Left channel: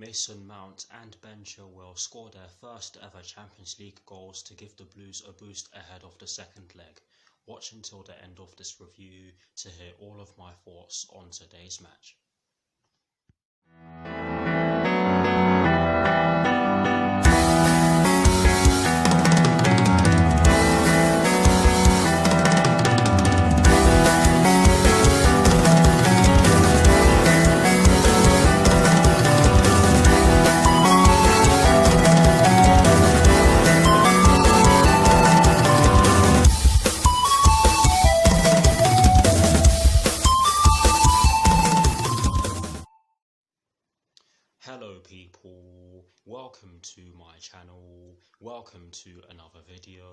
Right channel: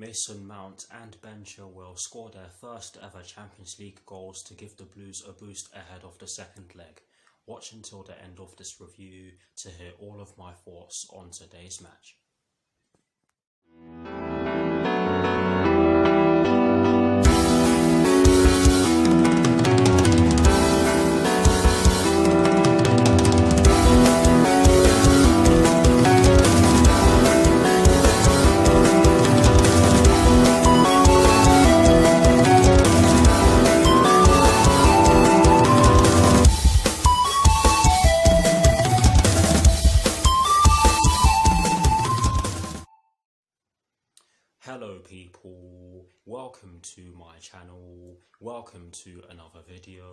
Mason Mount and Ben Chilwell scored their first ever Champions League goals to give the Blues a boost ahead of the second leg. Watch until the end of this review to hear all of my thoughts on today's match. Hello people, welcome to my channel, welcome to another video.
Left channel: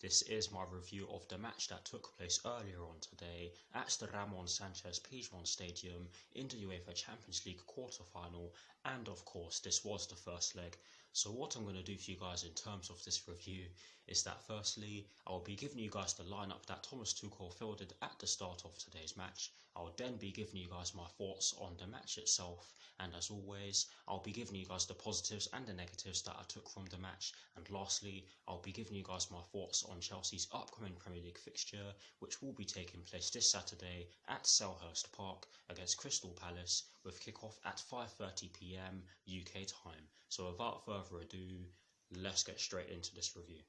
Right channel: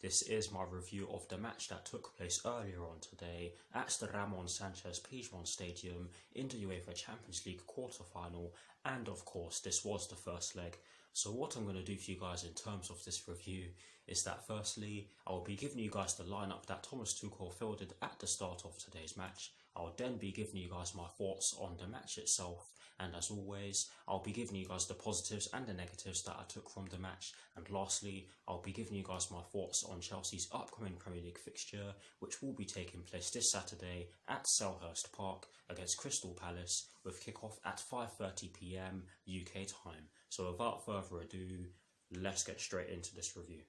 This is my review of the match that took place earlier on today at the Ramon Sanchez Pizjuan Stadium in the UEFA Champions League quarter-final, and of course this was the first leg. So what I'm going to do for you guys in terms of this review is that firstly, I will be giving you guys the lineup that Thomas Tuchel fielded at the start of today's match. I'll then be giving you guys my thoughts on the match itself, and as always, I'll be giving you guys the positives and the negatives that I took from the match, and lastly, I'll be giving you guys my thoughts on Chelsea's upcoming Premier League fixture, which will be taking place this Saturday at Selhurst Park against Crystal Palace, with kickoff at 5:30 PM UK time. So without further ado, let's get straight into this review.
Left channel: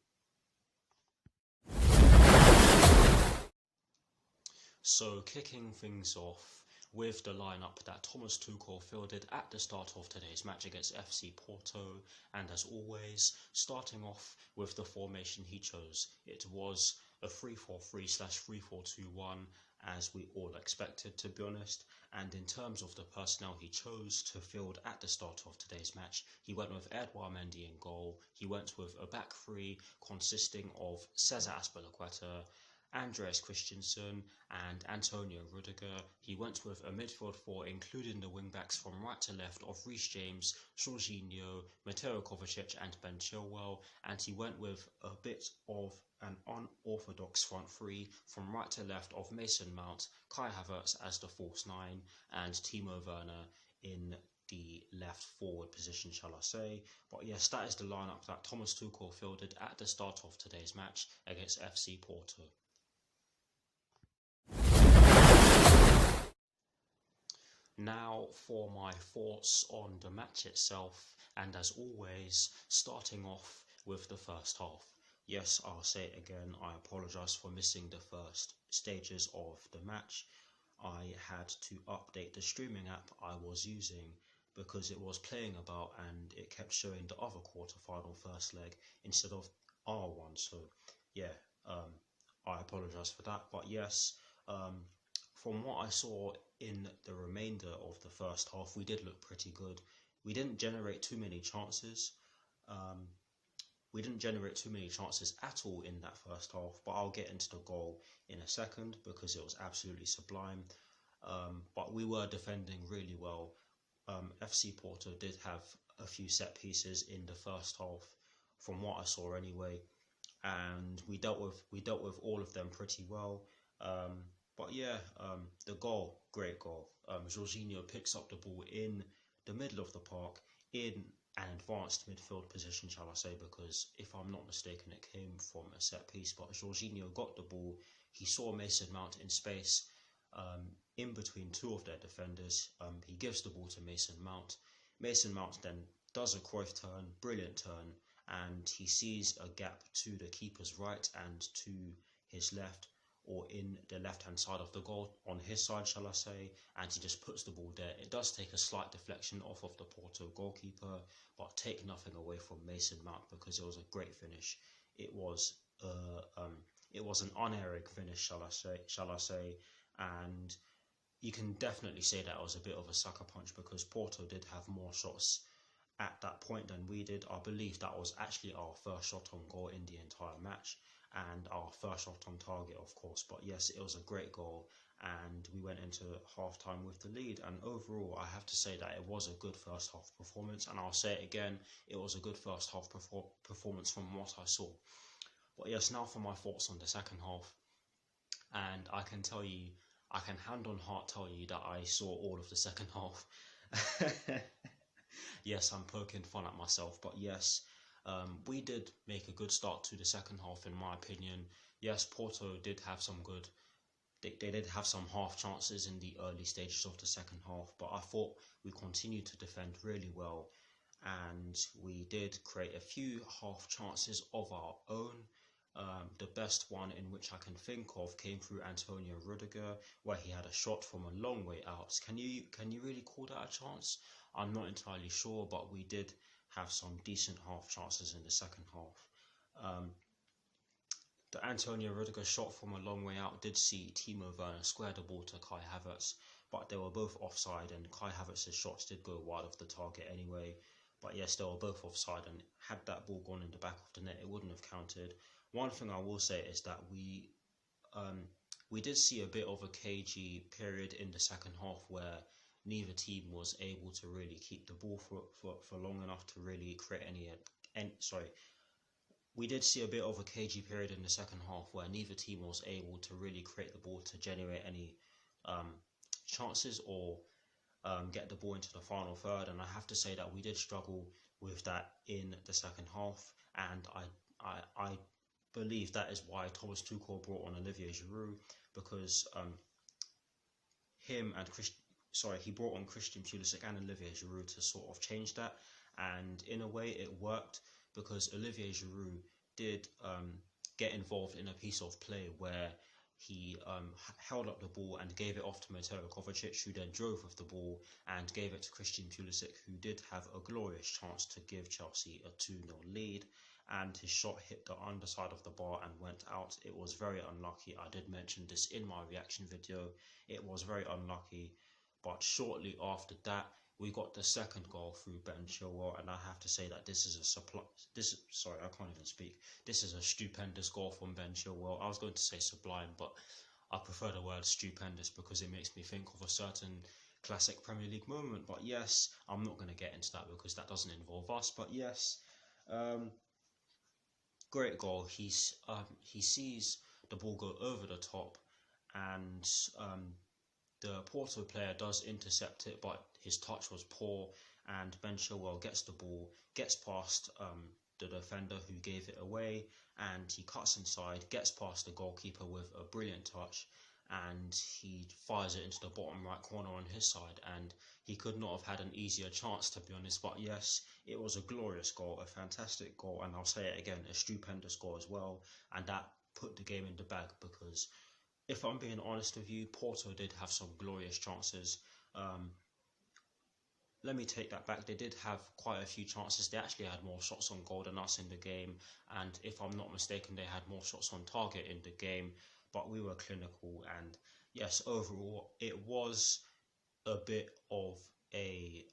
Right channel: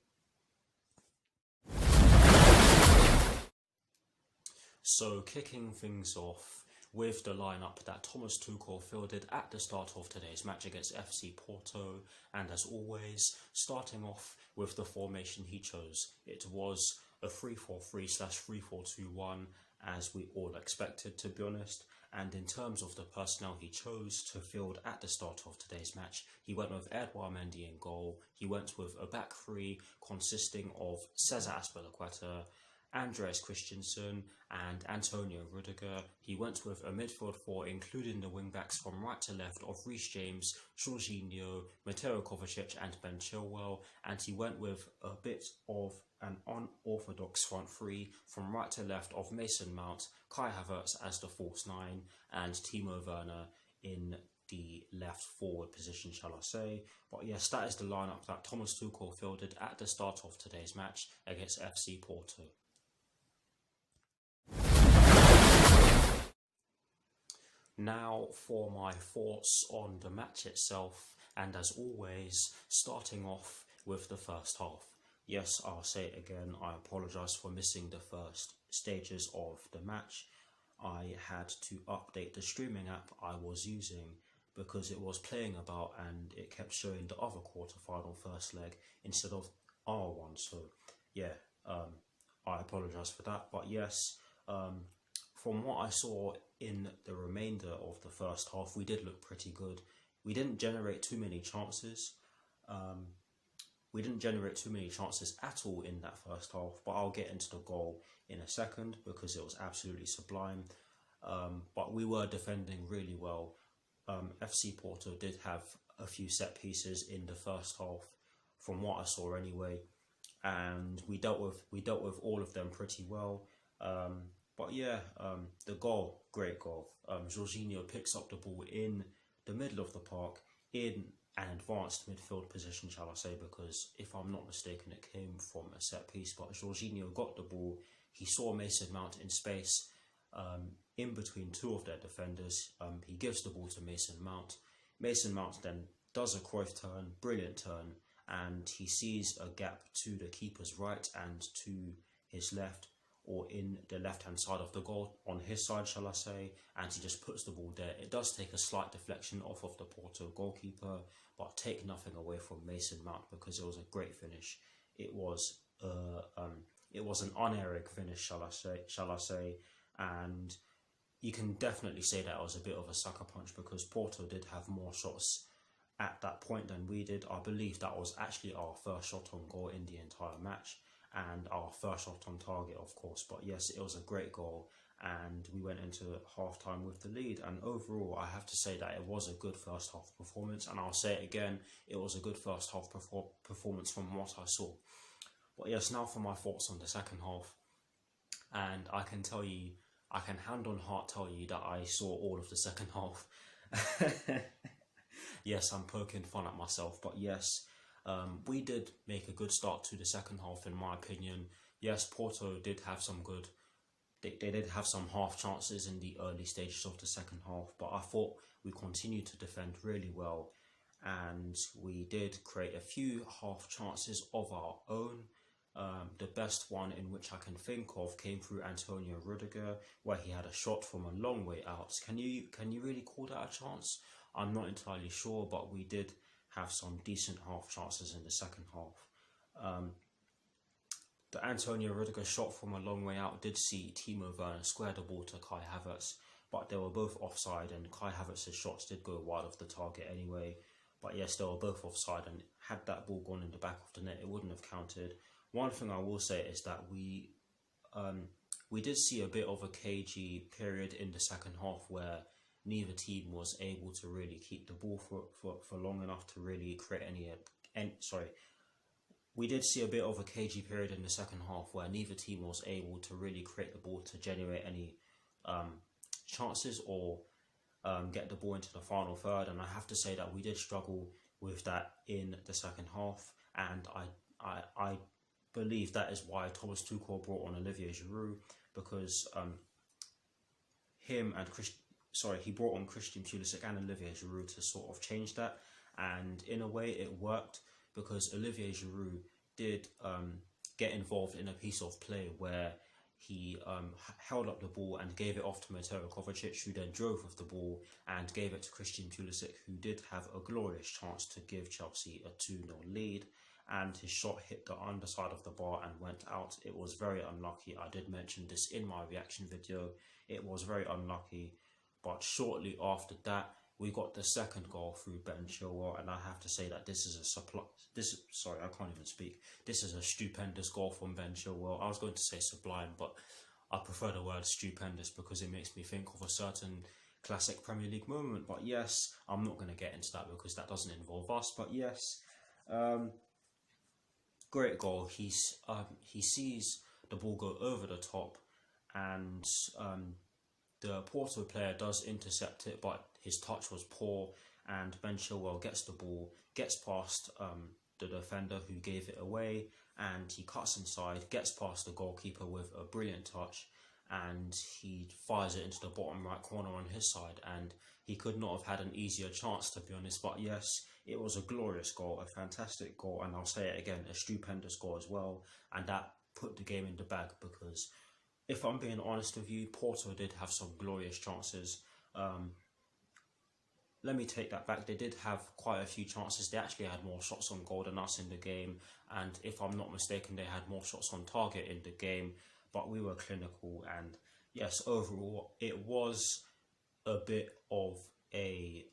So kicking things off with the lineup that Thomas Tuchel fielded at the start of today's match against FC Porto, and as always, starting off with the formation he chose. It was a 3-4-3/3-4-2-1, as we all expected, to be honest, and in terms of the personnel he chose to field at the start of today's match, he went with Edouard Mendy in goal. He went with a back three consisting of Cesar Azpilicueta, Andreas Christensen and Antonio Rudiger. He went with a midfield four including the wing-backs from right to left of Reece James, Jorginho, Mateo Kovacic and Ben Chilwell, and he went with a bit of an unorthodox front three from right to left of Mason Mount, Kai Havertz as the false nine, and Timo Werner in the left forward position, shall I say. But yes, that is the lineup that Thomas Tuchel fielded at the start of today's match against FC Porto. Now for my thoughts on the match itself, and as always, starting off with the first half. Yes, I'll say it again, I apologise for missing the first stages of the match. I had to update the streaming app I was using because it was playing about and it kept showing the other quarter-final first leg instead of our one. So yeah, I apologise for that. But yes, from what I saw in the remainder of the first half, we did look pretty good. We didn't generate too many chances. At all in that first half, but I'll get into the goal in a second because it was absolutely sublime. But we were defending really well. FC Porto did have a few set pieces in the first half, from what I saw anyway, and we dealt with all of them pretty well. But yeah, the goal, great goal. Jorginho picks up the ball in the middle of the park in an advanced midfield position, shall I say, because if I'm not mistaken, it came from a set piece. But Jorginho got the ball. He saw Mason Mount in space in between two of their defenders. He gives the ball to Mason Mount. Mason Mount then does a Cruyff turn, brilliant turn, and he sees a gap to the keeper's right and to his left, or in the left-hand side of the goal, on his side, shall I say, and he just puts the ball there. It does take a slight deflection off of the Porto goalkeeper, but take nothing away from Mason Mount because it was a great finish. It was an unerring finish, shall I say, and you can definitely say that it was a bit of a sucker punch because Porto did have more shots at that point than we did. I believe that was actually our first shot on goal in the entire match, and our first shot on target, of course. But yes, it was a great goal, and we went into half-time with the lead. And overall, I have to say that it was a good first half performance, and I'll say it again, it was a good first half performance from what I saw. But yes, now for my thoughts on the second half. And I can hand on heart tell you that I saw all of the second half. Yes, I'm poking fun at myself, but yes, we did make a good start to the second half, in my opinion. Yes, Porto did have some good. They did have some half chances in the early stages of the second half, but I thought we continued to defend really well, and we did create a few half chances of our own. The best one in which I can think of came through Antonio Rudiger, where he had a shot from a long way out. Can you really call that a chance? I'm not entirely sure, but we did have some decent half chances in the second half. The Antonio Rudiger shot from a long way out did see Timo Werner square the ball to Kai Havertz, but they were both offside, and Kai Havertz's shots did go wide of the target anyway. But yes, they were both offside, and had that ball gone in the back of the net, it wouldn't have counted. One thing I will say is that we did see a bit of a cagey period in the second half where neither team was able to really keep the ball for long enough to really create we did see a bit of a cagey period in the second half where neither team was able to really create the ball to generate any chances or get the ball into the final third, and I have to say that we did struggle with that in the second half, and I believe that is why Thomas Tuchel brought on Olivier Giroud, because he brought on Christian Pulisic and Olivier Giroud to sort of change that, and in a way it worked, because Olivier Giroud did get involved in a piece of play where he held up the ball and gave it off to Mateo Kovacic, who then drove with the ball and gave it to Christian Pulisic, who did have a glorious chance to give Chelsea a 2-0 lead, and his shot hit the underside of the bar and went out. It was very unlucky. I did mention this in my reaction video. It was very unlucky, but shortly after that, we got the second goal through Ben Chilwell, and I have to say that this is a stupendous goal from Ben Chilwell. I was going to say sublime, but I prefer the word stupendous because it makes me think of a certain classic Premier League moment. But yes, I'm not going to get into that because that doesn't involve us. But yes, great goal. He sees the ball go over the top, and the Porto player does intercept it, but his touch was poor, and Ben Chilwell gets the ball, gets past the defender who gave it away, and he cuts inside, gets past the goalkeeper with a brilliant touch, and he fires it into the bottom right corner on his side, and he could not have had an easier chance, to be honest. But yes, it was a glorious goal, a fantastic goal, and I'll say it again, a stupendous goal as well, and that put the game in the bag, because if I'm being honest with you, Porto did have some glorious chances. Let me take that back. They did have quite a few chances. They actually had more shots on goal than us in the game, and if I'm not mistaken, they had more shots on target in the game, but we were clinical, and yes, overall, it was a bit of a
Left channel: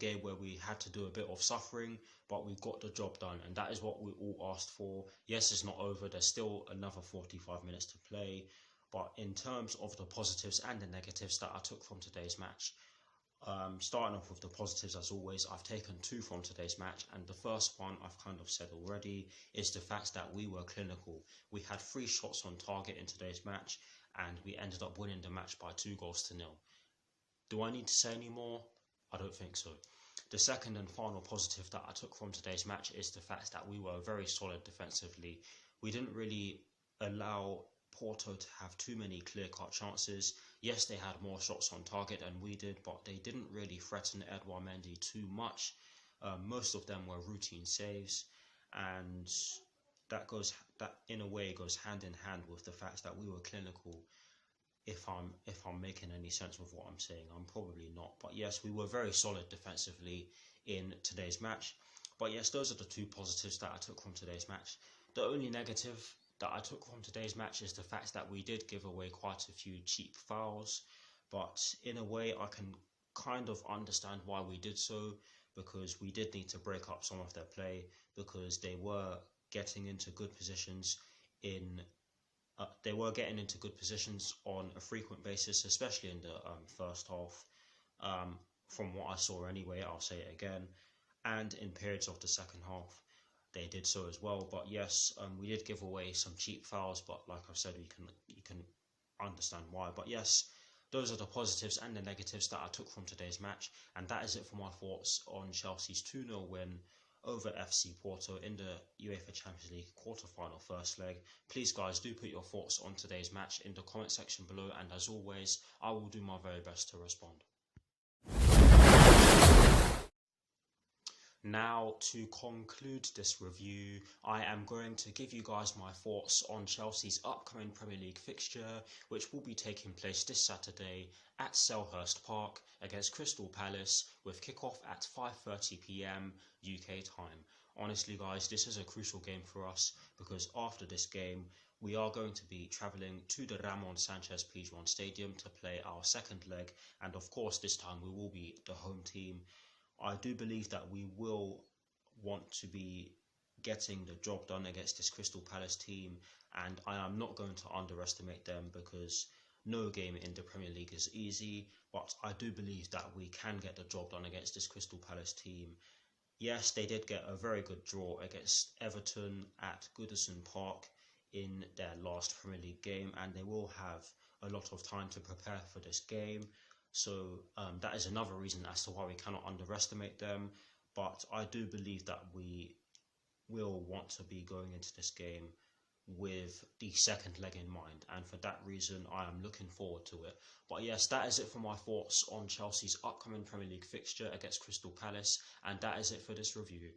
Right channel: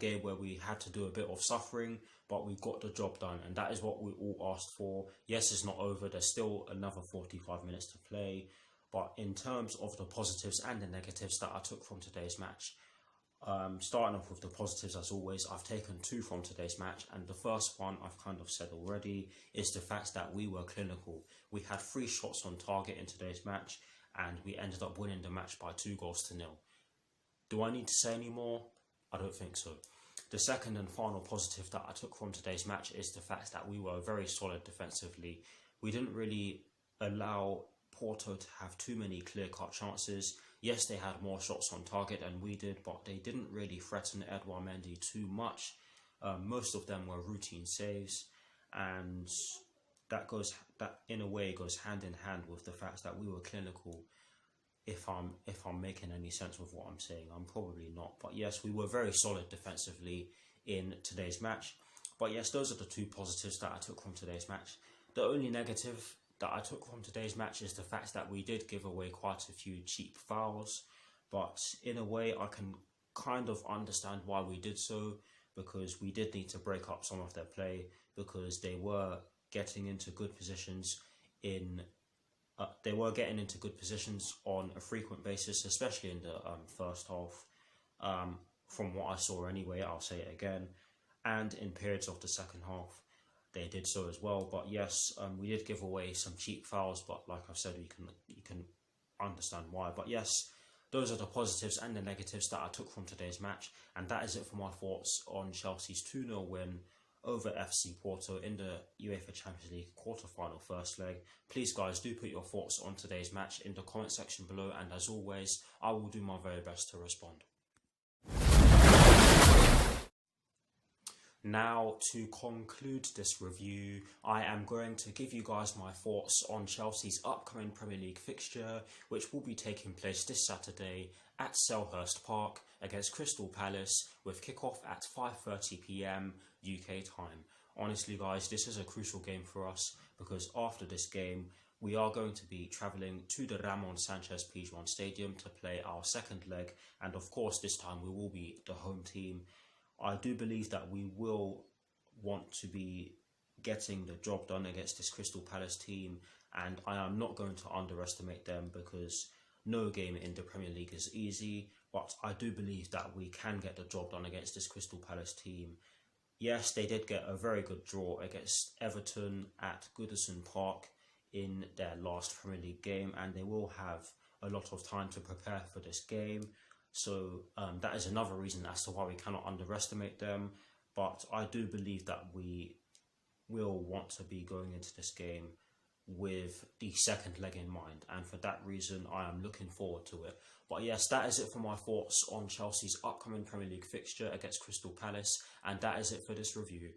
game where we had to do a bit of suffering, but we got the job done, and that is what we all asked for. Yes, it's not over. There's still another 45 minutes to play, but in terms of the positives and the negatives that I took from today's match, starting off with the positives, as always, I've taken 2 from today's match, and the first one I've kind of said already is the fact that we were clinical. We had 3 shots on target in today's match, and we ended up winning the match by 2-0. Do I need to say any more? I don't think so. The second and final positive that I took from today's match is the fact that we were very solid defensively. We didn't really allow Porto to have too many clear-cut chances. Yes, they had more shots on target than we did, but they didn't really threaten Edouard Mendy too much. Most of them were routine saves, and that in a way goes hand in hand with the fact that we were clinical. If I'm making any sense with what I'm saying, I'm probably not. But yes, we were very solid defensively in today's match. But yes, those are the 2 positives that I took from today's match. The only negative that I took from today's match is the fact that we did give away quite a few cheap fouls, but in a way I can kind of understand why we did so, because we did need to break up some of their play, because they were getting into good positions on a frequent basis, especially in the first half. From what I saw anyway, I'll say it again, and in periods of the second half they did so as well. But yes, we did give away some cheap fouls, but like I've said, you can understand why. But yes, those are the positives and the negatives that I took from today's match, and that is it for my thoughts on Chelsea's 2-0 win over FC Porto in the UEFA Champions League quarter-final first leg. Please guys, do put your thoughts on today's match in the comment section below, and as always, I will do my very best to respond. Now, to conclude this review, I am going to give you guys my thoughts on Chelsea's upcoming Premier League fixture, which will be taking place this Saturday at Selhurst Park against Crystal Palace, with kickoff at 5:30 PM UK time. Honestly guys, this is a crucial game for us, because after this game we are going to be travelling to the Ramon Sanchez Pizjuan Stadium to play our second leg, and of course this time we will be the home team. I do believe that we will want to be getting the job done against this Crystal Palace team, and I am not going to underestimate them, because no game in the Premier League is easy, but I do believe that we can get the job done against this Crystal Palace team. Yes, they did get a very good draw against Everton at Goodison Park in their last Premier League game, and they will have a lot of time to prepare for this game. So that is another reason as to why we cannot underestimate them. But I do believe that we will want to be going into this game with the second leg in mind, and for that reason I am looking forward to it. But yes, that is it for my thoughts on Chelsea's upcoming Premier League fixture against Crystal Palace, and that is it for this review.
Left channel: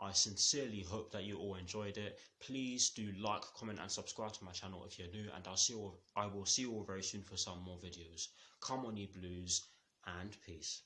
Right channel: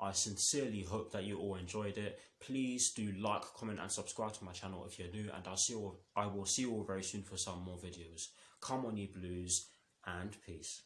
I sincerely hope that you all enjoyed it. Please do like, comment and subscribe to my channel if you're new, and I will see you all very soon for some more videos. Come on you Blues, and peace.